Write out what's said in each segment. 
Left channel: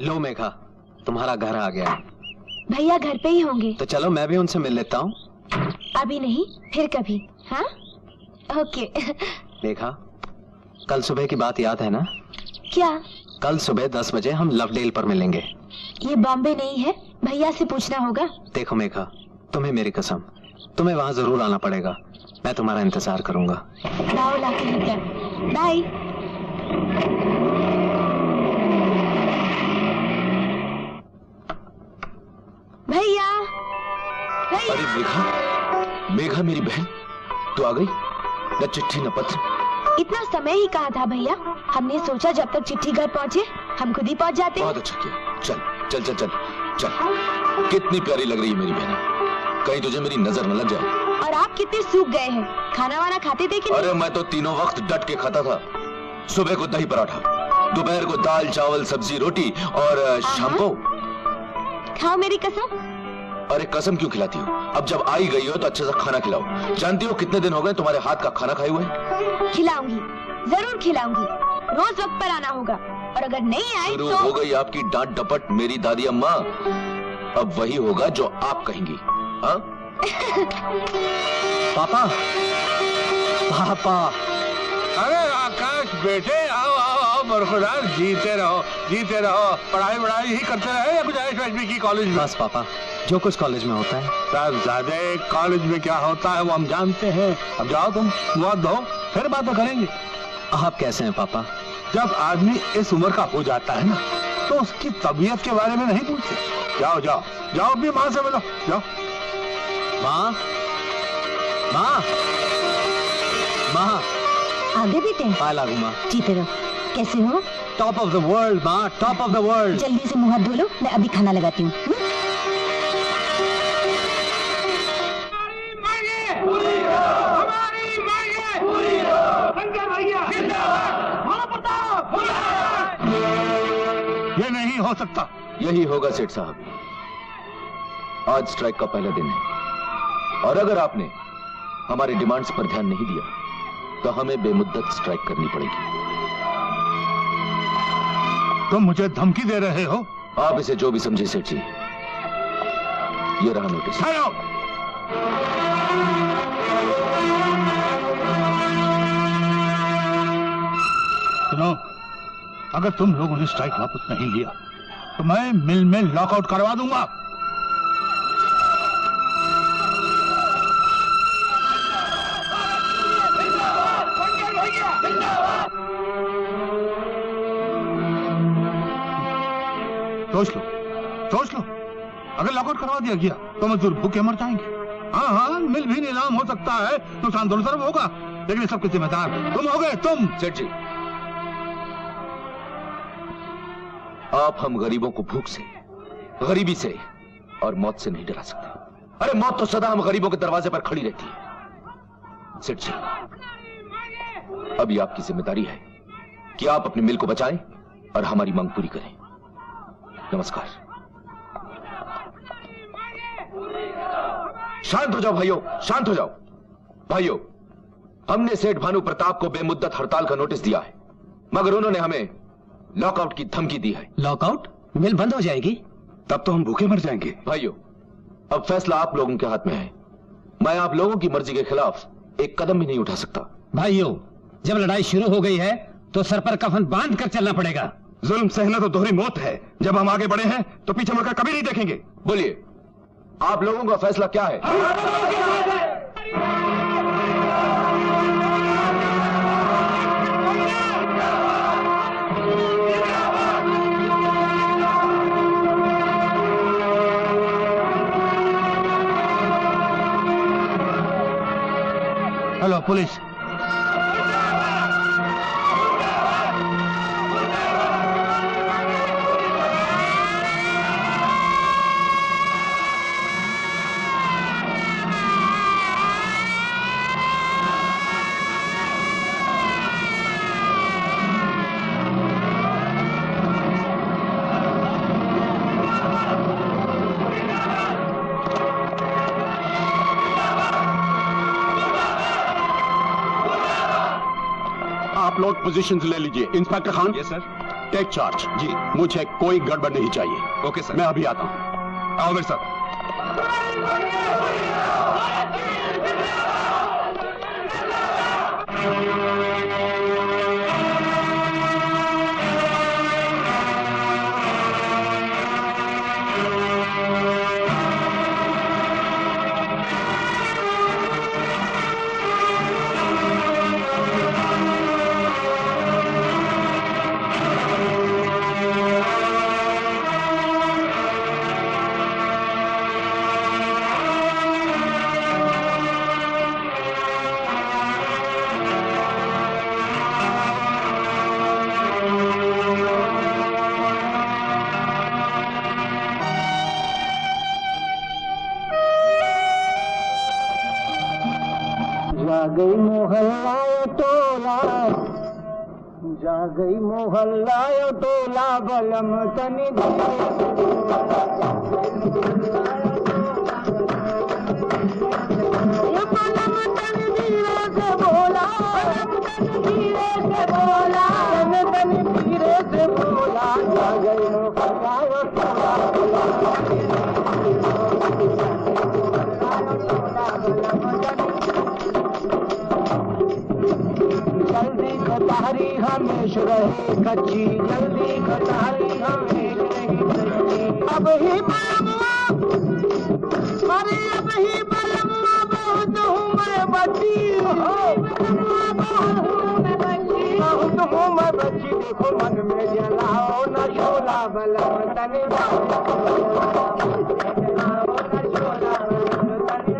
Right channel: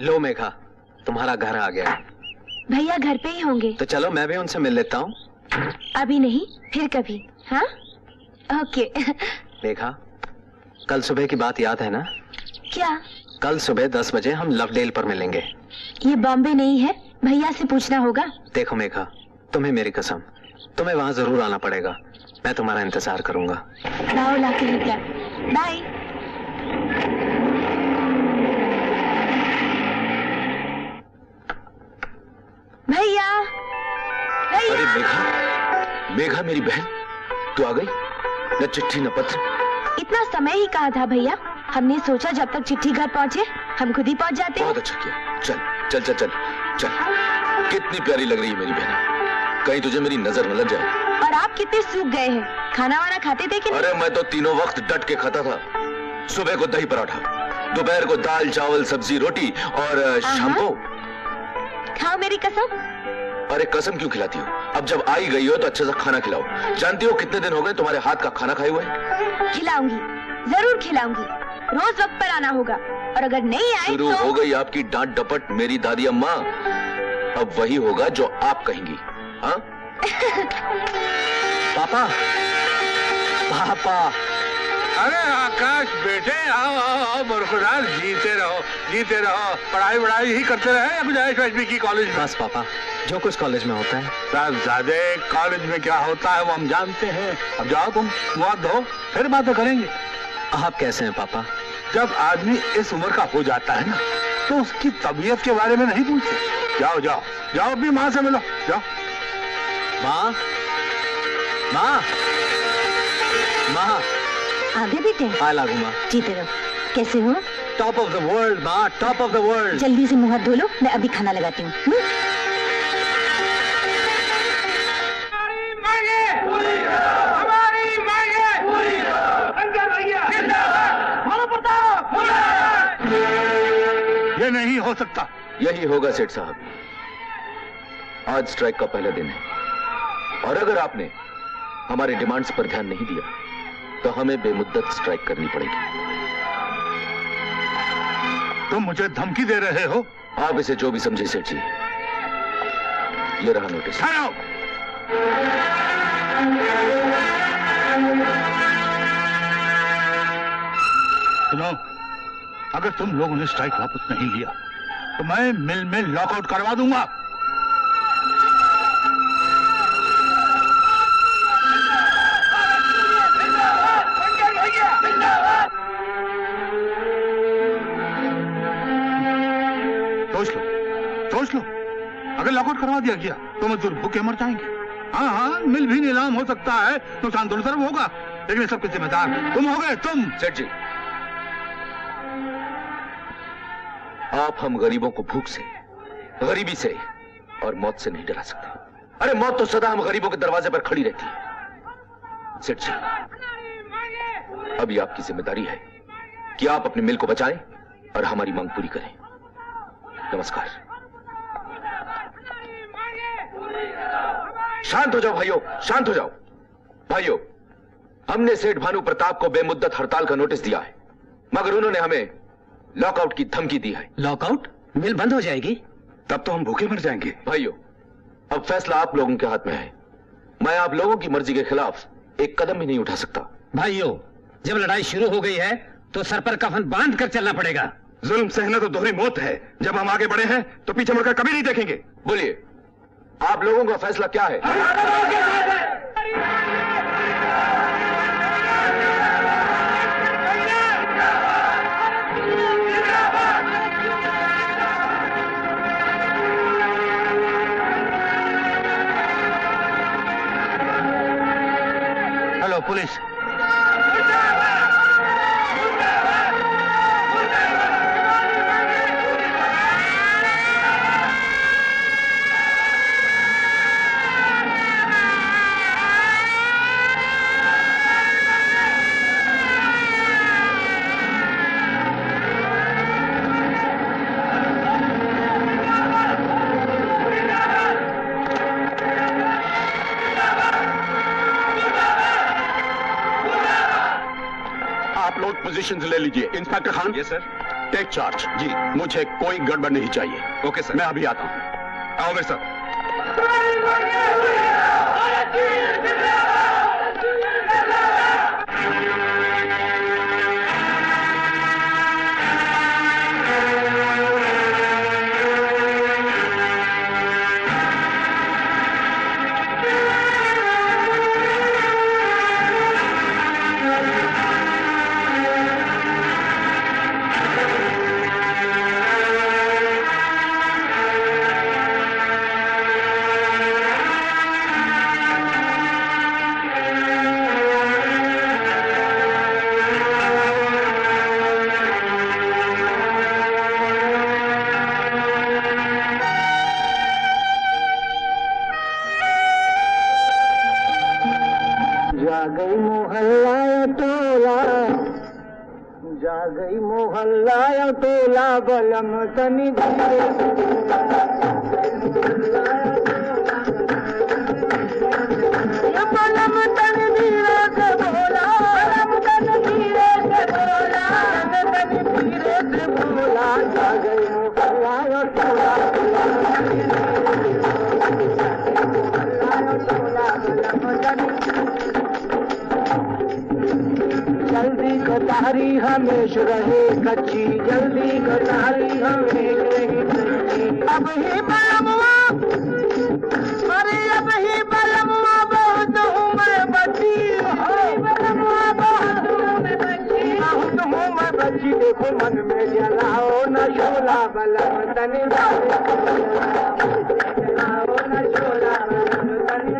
लो मेघा, तुम्हारा घर आ गया। भैया घर पे ही होंगे। तो चलो मैं भी उनसे मिल लेता हूँ। अभी नहीं, फिर कभी। हाँ ओके। मेघा, कल सुबह की बात याद है ना? क्या? कल सुबह 10 बजे हम लवडेल पर मिलेंगे। ये बॉम्बे नहीं है, भैया से पूछना होगा। देखो मेघा, तुम्हें मेरी कसम, तुम्हें वहाँ जरूर आना पड़ेगा। मैं तुम्हारा इंतजार करूंगा। लाओ लाके लेकर। बाय। भैया, भैया। अरे मेघा, मेघा मेरी बहन, तू आ गई? न चिट्ठी न पत्र। इतना समय ही कहा था भैया, हमने सोचा जब तक चिट्ठी घर पहुँचे हम खुद ही पहुँच जाते। बहुत अच्छा किया। चल चल चल चल चल। कितनी प्यारी लग रही है मेरी बहन, कहीं तुझे मेरी नजर न लग जाए। और आप कितने सूख गए हैं, खाना वाना खाते थे कि नहीं? अरे मैं तो तीनों वक्त डट के खाता था। सुबह को दही पराठा, दोपहर को दाल चावल सब्जी रोटी और शाम को। खाओ मेरी कसम। अरे कसम क्यों खिलाती हो? अब जब आई गई हो तो अच्छे से खाना खिलाओ। जानती हो कितने दिन हो गए तुम्हारे हाथ का खाना खाए हुए? खिलाऊंगी, जरूर खिलाऊंगी। रोज वक्त पर आना होगा, और अगर नहीं आए शुरू तो... हो गई आपकी डांट डपट मेरी दादी अम्मा। अब वही होगा जो आप कहेंगी। हाँ? पापा, पापा। अरे आकाश बेटे, आओ आओ आओ, बरकरार जीते रहो, जीते रहो। पढ़ाई वढ़ाई ही करते रहे या कुछ ऐश की कॉलेज में? बस पापा, जो कुछ कॉलेज में होता है। साहबजादे, कॉलेज में क्या होता है वो हम जानते हैं। अब जाओ तुम मुँह हाथ धो, फिर बातें करेंगे। आप कैसे हैं पापा? जब आदमी इस उम्र का हो जाता है ना, तो उसकी तबीयत के बारे में नहीं पूछते। जाओ जाओ जाओ, अपनी माँ से मिलो, जाओ। माँ, माँ, माँ। आगे बेटे। पाए लागू माँ। जीते रहो। कैसे हो? टॉप ऑफ द वर्ल्ड माँ, टॉप ऑफ द वर्ल्ड। जल्दी से मुंह हाथ धो लो, मैं अभी खाना लगाती हूँ। ये नहीं हो सकता। यही होगा सेठ साहब। आज स्ट्राइक का पहला दिन है, और अगर आपने हमारे डिमांड्स पर ध्यान नहीं दिया तो हमें बेमुद्दत स्ट्राइक करनी पड़ेगी। तुम मुझे धमकी दे रहे हो? आप इसे जो भी समझे सेठ जी, ये रहा नोटिस। सुनो, अगर तुम लोगों ने स्ट्राइक वापस नहीं लिया तो मैं मिल में लॉकआउट करवा दूंगा। सोच लो, अगर लॉकआउट करवा दिया गया तो मजदूर भूखे मर जाएंगे। हाँ हाँ, मिल भी नीलाम हो सकता है, नुकसान दोनों तरफ होगा, लेकिन सबके जिम्मेदार तुम हो गए। तुम सेठ जी, आप हम गरीबों को भूख से, गरीबी से और मौत से नहीं डरा सकते। अरे मौत तो सदा हम गरीबों के दरवाजे पर खड़ी रहती है। सेठ जी, अभी आपकी जिम्मेदारी है कि आप अपने मिल को बचाएं और हमारी मांग पूरी करें। नमस्कार। शांत हो जाओ भाइयों, शांत हो जाओ। भाइयों, हमने सेठ भानु प्रताप को बेमुद्दत हड़ताल का नोटिस दिया है, मगर उन्होंने हमें लॉकआउट की धमकी दी है। लॉकआउट? मिल बंद हो जाएगी? तब तो हम भूखे मर जाएंगे। भाइयों, अब फैसला आप लोगों के हाथ में है। मैं आप लोगों की मर्जी के खिलाफ एक कदम भी नहीं उठा सकता। भाइयों, जब लड़ाई शुरू हो गई है तो सर पर कफन बांध कर चलना पड़ेगा। जुल्म सहना तो दोहरी मौत है। जब हम आगे बढ़े हैं तो पीछे मुड़कर कभी नहीं देखेंगे। बोलिए, आप लोगों का फैसला क्या है? Hello police. आप लोग पोजीशन ले लीजिए। Inspector Khan. Yes sir. Take charge. जी। मुझे कोई गड़बड़ नहीं चाहिए। Okay sir. मैं अभी आता हूं। आओ मेरे साथ। जा गई मोहल्ला टोला, जा गई मोहल्ला टोला, बलम तनी धीरे ये बलम तनी धीरे से बोला, बलम तनी धीरे से बोला, तनी धीरे से बोला, जा गई मोहल्ला टोला, जल्दी कटारी हमेश रहे कच्ची, जल्दी कटारी हमेश रहे कच्ची। अब ही बलमुआ, अरे अब ही बलमुआ बहुत हूँ मैं बच्ची, बलमुआ बहुत हूँ मैं बच्ची, बहुत हूँ मैं बच्ची। देखो मन में जलाओ न शोला, बलम तनी जलाओ न शोला, बलम तनी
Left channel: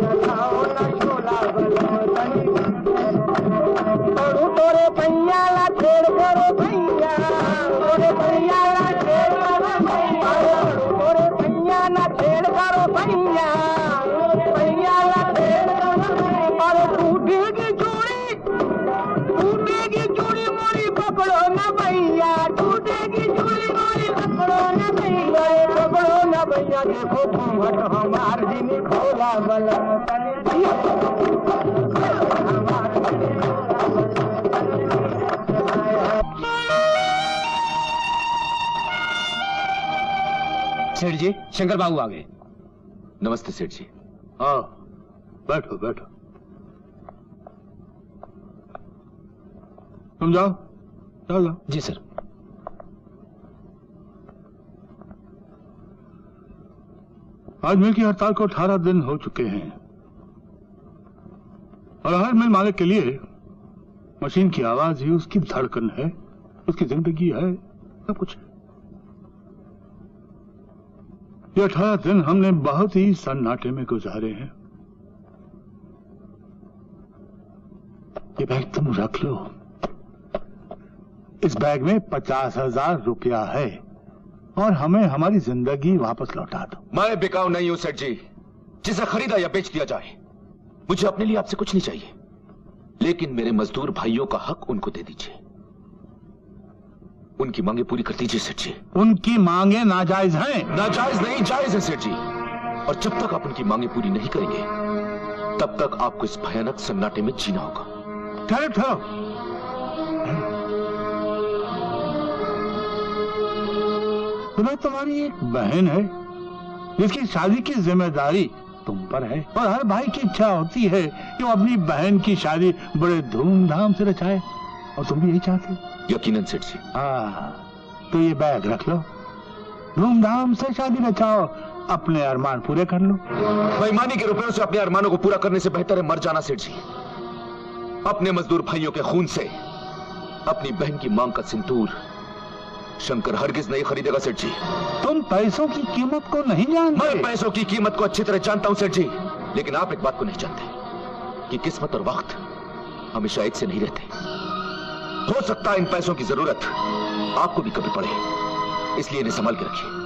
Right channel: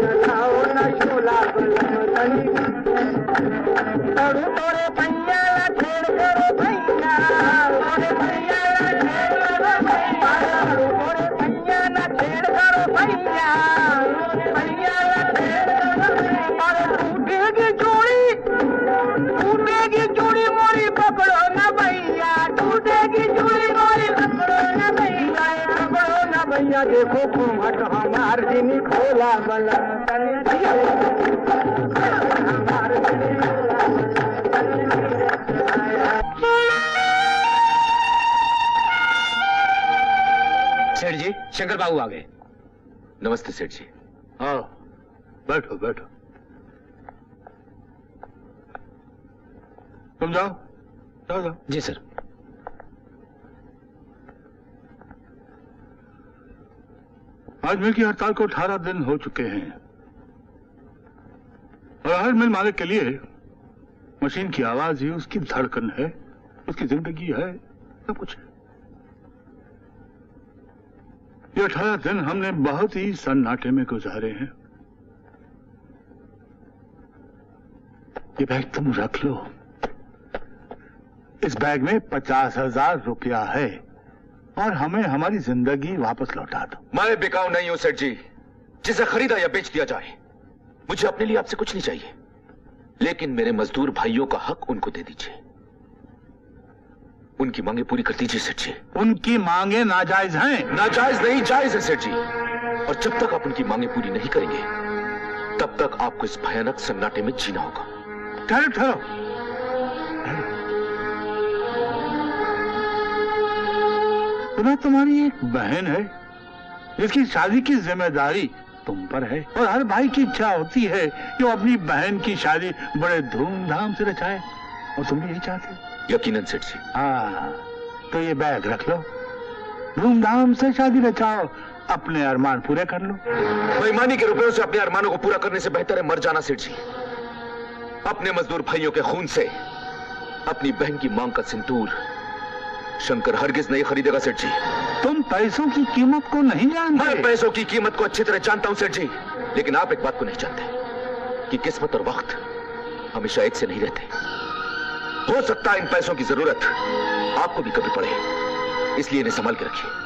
जलाओ न शोला, बलम तनी। पढ़ू तोरे पैया ला छेड़ करो भैया, तोरे पैया ला छेड़ करो भैया, पढ़ू तोरे पैया ना छेड़ करो भैया, पैया ला छेड़ करो भैया। अरे टूटेगी चूड़ी मोरी पकड़ो न भैया, टूटेगी चूड़ी मोरी पकड़ो न भैया, पकड़ो न भैया। देखो घूंघट हमार जिनी खोला, बलम तनी धीरे हमार जिनी खोला, सेठ जी, शंकर बाबू आ गए। नमस्ते सेठ जी। हाँ, बैठो बैठो। तुम जाओ, जाओ जाओ। जी सर। आज मिल की हड़ताल को 18 दिन हो चुके हैं और हर मिल मालिक के लिए मशीन की आवाज ही उसकी धड़कन है, उसकी जिंदगी है, सब कुछ है। ये 18 दिन हमने बहुत ही सन्नाटे में गुजारे हैं। ये बैग तुम रख लो। इस बैग में 50,000 रुपया है और हमें हमारी जिंदगी वापस लौटा दो। मैं बिकाऊ नहीं हूं सेठ जी, जिसे खरीदा या बेच दिया जाए। मुझे अपने लिए आपसे कुछ नहीं चाहिए, लेकिन मेरे मजदूर भाइयों का हक उनको दे दीजिए। उनकी मांगे पूरी कर दीजिए सेठ जी। उनकी मांगे नाजायज हैं। नाजायज नहीं, जायज है सेठ जी। और जब तक आप उनकी मांगे पूरी नहीं करेंगे, तब तक आपको इस भयानक सन्नाटे में जीना होगा। ठहरो ठहरो। सुना तुम्हारी एक बहन है जिसकी शादी की जिम्मेदारी तुम पर है, और हर भाई की इच्छा होती है कि वो अपनी बहन की शादी बड़े धूमधाम से रचाए, और तुम भी यही चाहते हो। यकीनन सेठ जी। हाँ, तो ये बैग रख लो, धूमधाम से शादी रचाओ, अपने अरमान पूरे कर लो। बेईमानी के रुपयों से अपने अरमानों को पूरा करने से बेहतर है मर जाना सेठ जी। अपने मजदूर भाइयों के खून से अपनी बहन की मांग का सिंदूर शंकर हरगिज नहीं खरीदेगा सेठ जी। तुम पैसों की कीमत को नहीं जानते। मैं पैसों की कीमत को अच्छी तरह जानता हूं सेठ जी, लेकिन आप एक बात को नहीं जानते कि किस्मत और वक्त हमेशा एक से नहीं रहते। हो सकता है इन पैसों की जरूरत आपको भी कभी पड़े, इसलिए इन्हें संभाल के रखिए।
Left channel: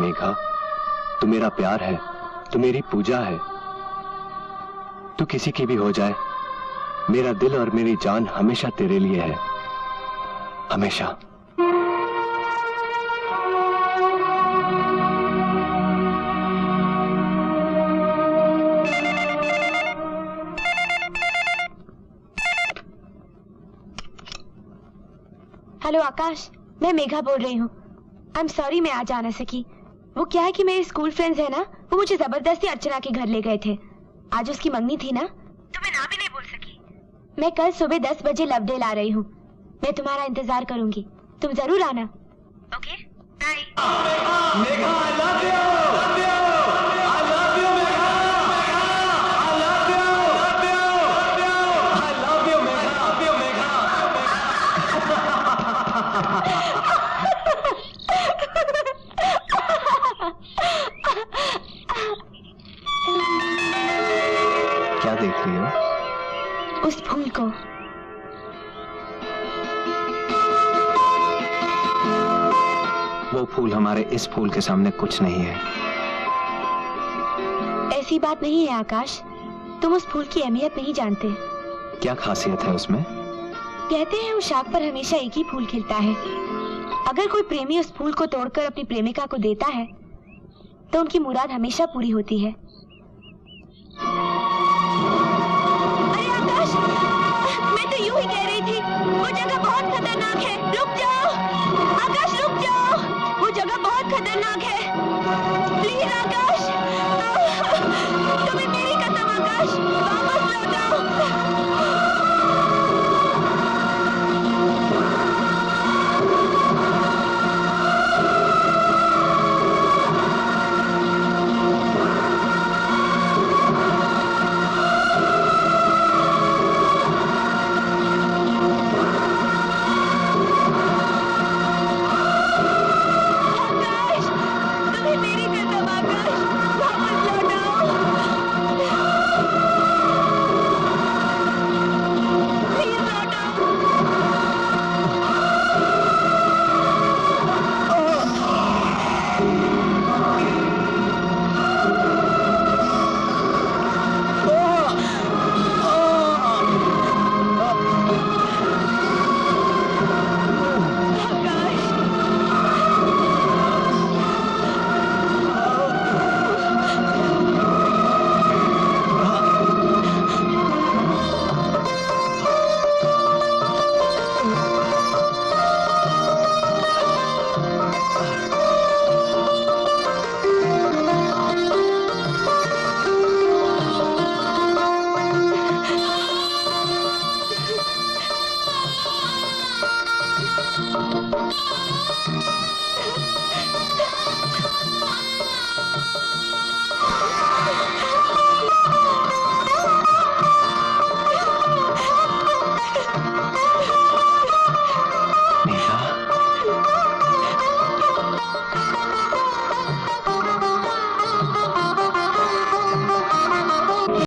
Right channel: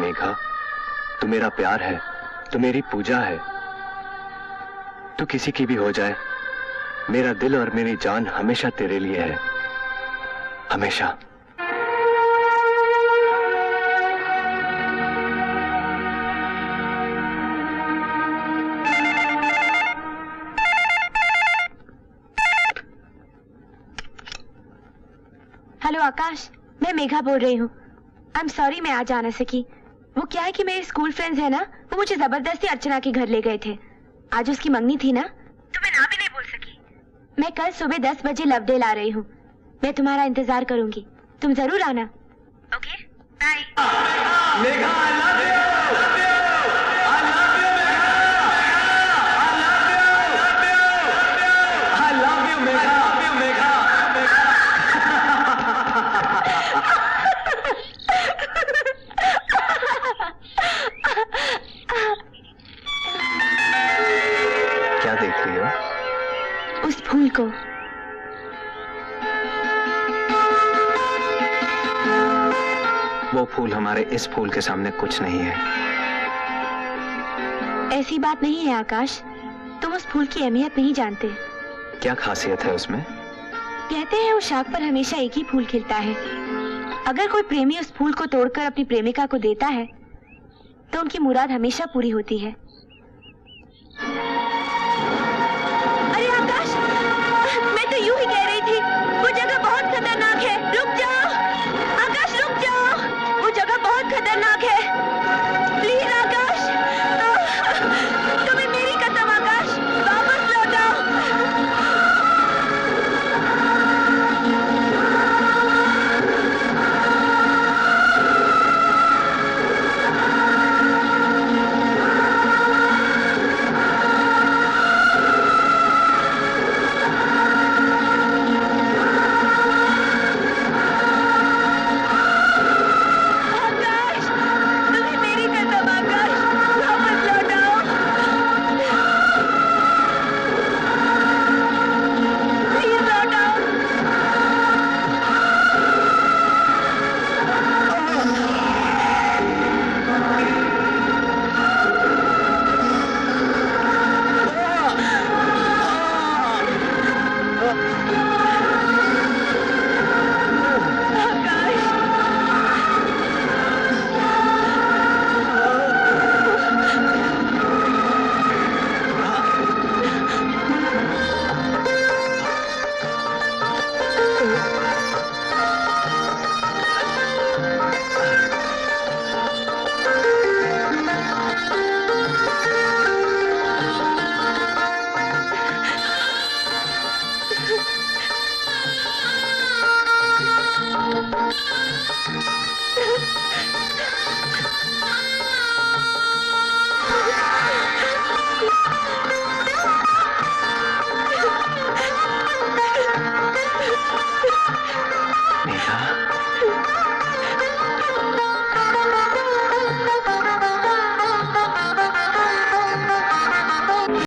मेघा, तू मेरा प्यार है, तू मेरी पूजा है। तू किसी की भी हो जाए, मेरा दिल और मेरी जान हमेशा तेरे लिए है, हमेशा। हेलो आकाश, मैं मेघा बोल रही हूँ। आई एम सॉरी मैं आज आ ना सकी। वो क्या है कि मेरे स्कूल फ्रेंड्स है ना, वो मुझे जबरदस्ती अर्चना के घर ले गए थे। आज उसकी मंगनी थी ना, तो मैं ना भी नहीं बोल सकी। मैं कल सुबह 10 बजे लवडेल आ रही हूँ। मैं तुम्हारा इंतजार करूंगी, तुम जरूर आना। Okay bye. Megha, I love you. I love you, Megha. I love you. I love you, Megha. I love you, Megha. क्या देख रही हो? उस फूल को। वो फूल हमारे इस फूल के सामने कुछ नहीं है। ऐसी बात नहीं है आकाश, तुम उस फूल की अहमियत नहीं जानते। क्या खासियत है उसमें? कहते हैं उस शाख पर हमेशा एक ही फूल खिलता है। अगर कोई प्रेमी उस फूल को तोड़कर अपनी प्रेमिका को देता है तो उनकी मुराद हमेशा पूरी होती है।